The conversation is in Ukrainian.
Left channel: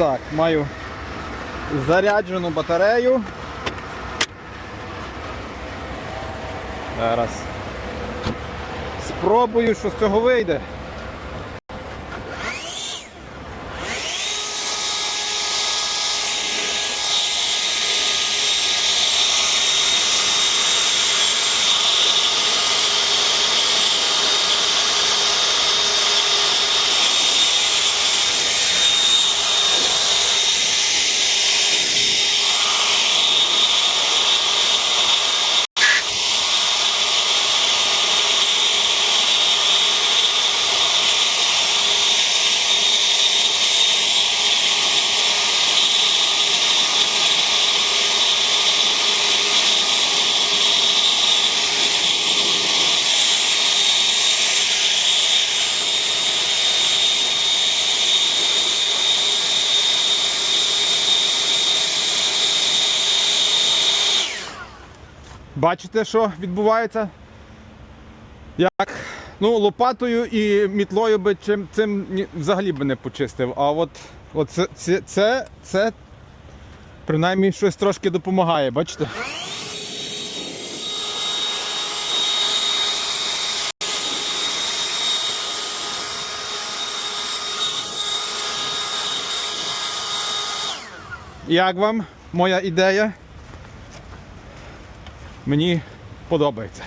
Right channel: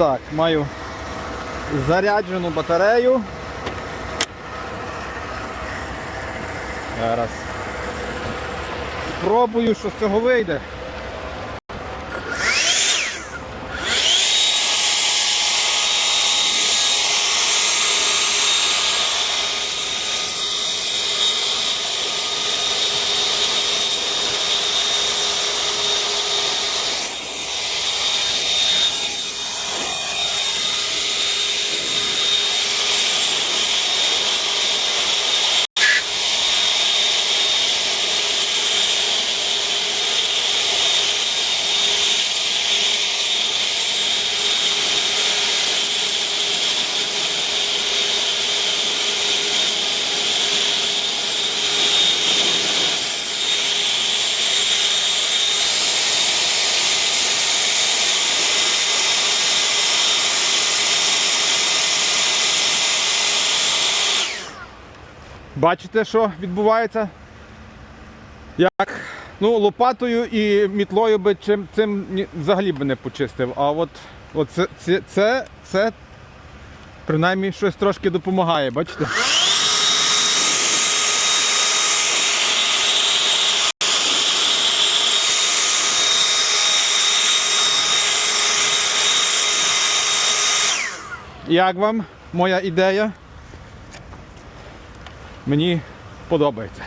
Так, маю заряджену батарею. Зараз. Спробую, що з цього вийде. Бачите, що відбувається? Як? Ну, лопатою і мітлою би чим цим взагалі би не почистив. А от, от це, це, це, це принаймні щось трошки допомагає, бачите? Як вам моя ідея? Мені подобається.